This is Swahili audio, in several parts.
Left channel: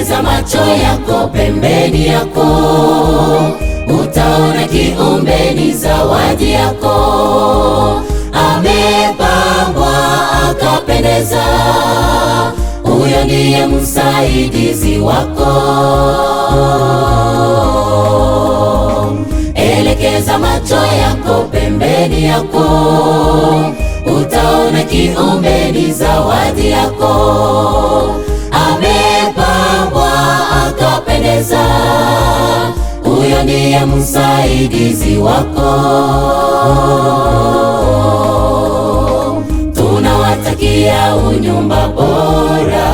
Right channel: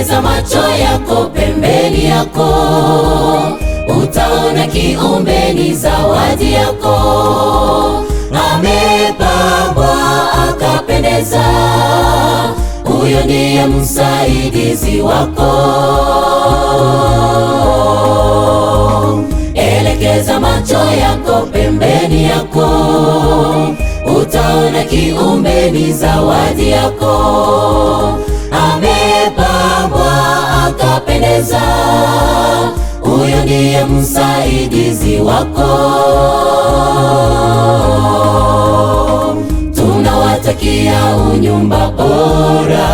Elekeza macho yako pembeni yako, utaona kiumbe ni zawadi yako. Amepambwa akapendeza, huyo ndiye msaidizi wako. Elekeza macho yako pembeni yako, utaona kiumbe ni zawadi yako. Amepambwa akapendeza, huyo ndiye msaidizi wako. Tunawatakia unyumba bora,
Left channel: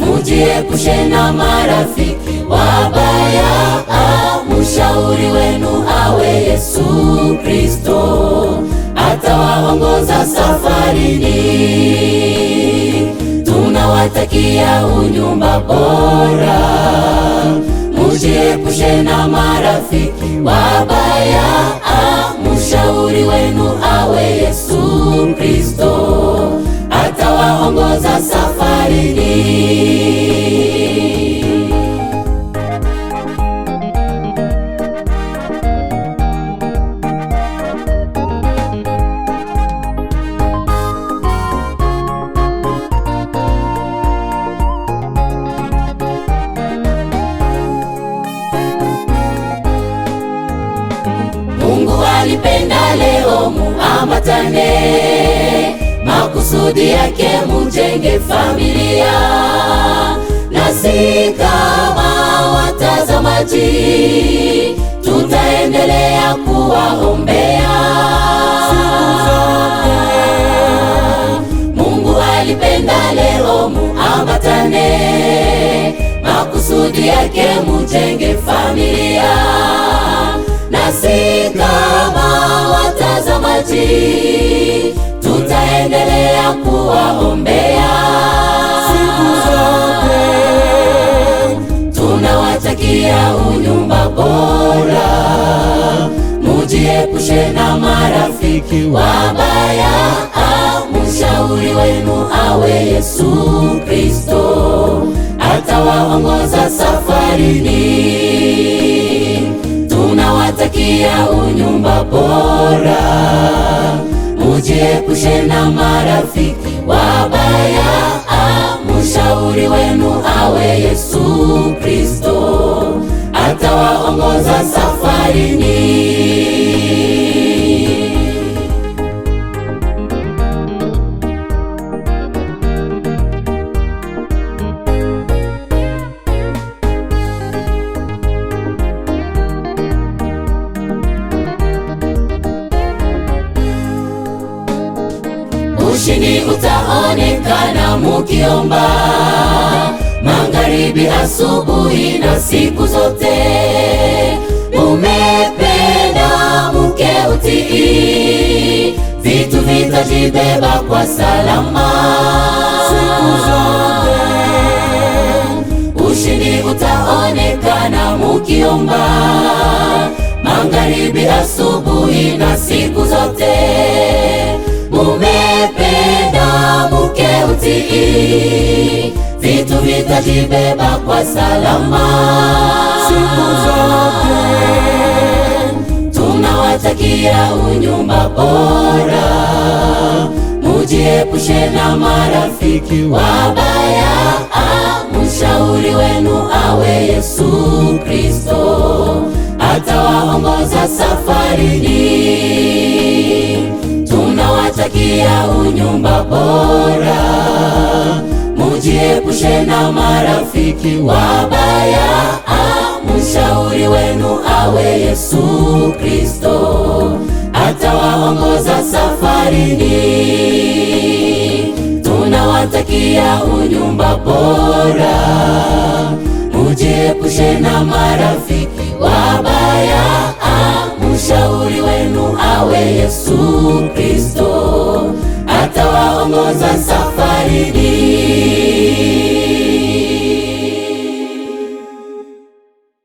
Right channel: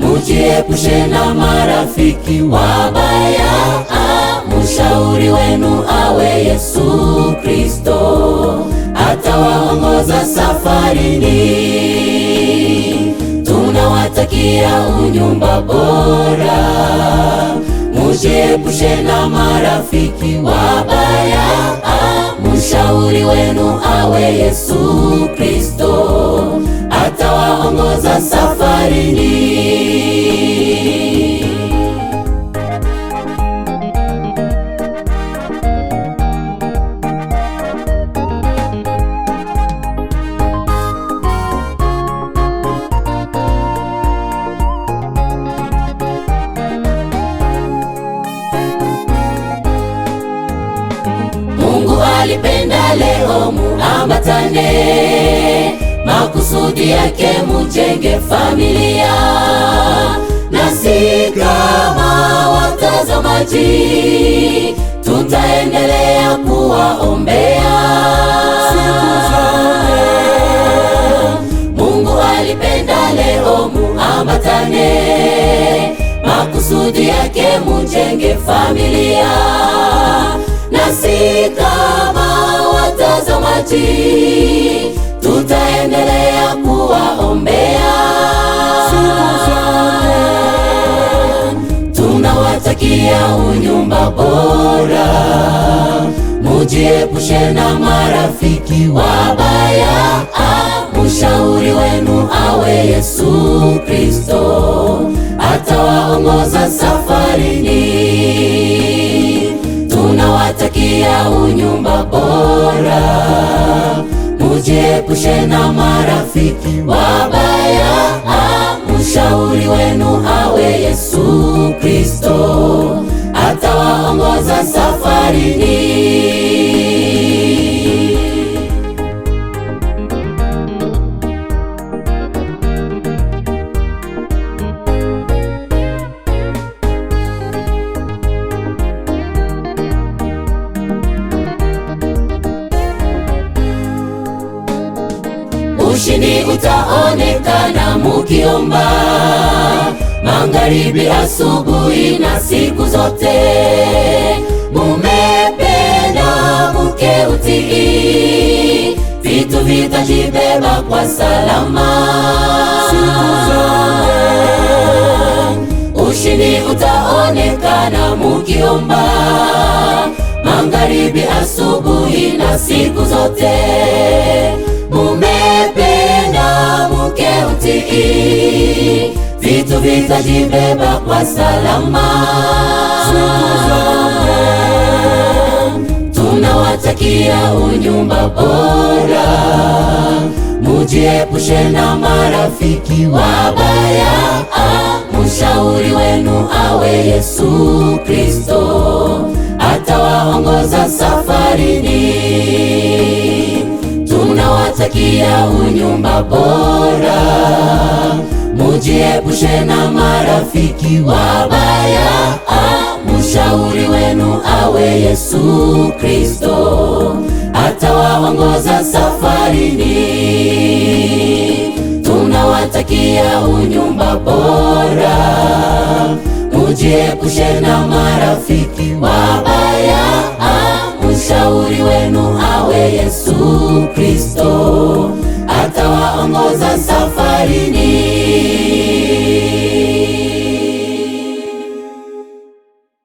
mujiepushe na marafiki wabaya. Mshauri wenu awe Yesu Kristo, atawaongoza safarini. Tunawatakia unyumba bora, mujiepushe na marafiki wabaya. Mshauri wenu awe Yesu Kristo, atawaongoza safarini. Mungu alipenda leo muambatane, makusudi yake mujenge familia. Nasi kama watazamaji tutaendelea kuwaombea. Mungu alipenda leo muambatane, makusudi yake mujenge familia. Nasi kama watazamaji tutaendelea kuwaombea. Tunawatakia unyumba bora, mujiepushe na marafiki wabaya. Mshauri wenu awe Yesu Kristo, atawaongoza safarini. Tunawatakia unyumba bora, mujiepushe na marafiki wabaya. Mshauri wenu awe Yesu Kristo, atawaongoza safarini. Ushindi utaonekana mukiomba, magharibi, asubuhi na siku zote. Mumependa muke utii, vitu vitajibeba kwa salama siku zote. Ushindi utaonekana mukiomba, magharibi, asubuhi na siku zote. Mumependa muke utii, vitu vitajibeba kwa salama siku zote. Tunawatakia unyumba bora, mujiepushe na marafiki wabaya. Mshauri wenu awe Yesu Kristo, atawaongoza safarini. Tunawatakia unyumba bora, mujiepushe na marafiki wabaya. Mshauri wenu awe Yesu Kristo, atawaongoza safarini. Tunawatakia unyumba bora, mujiepushe na marafiki wabaya. Mshauri wenu awe Yesu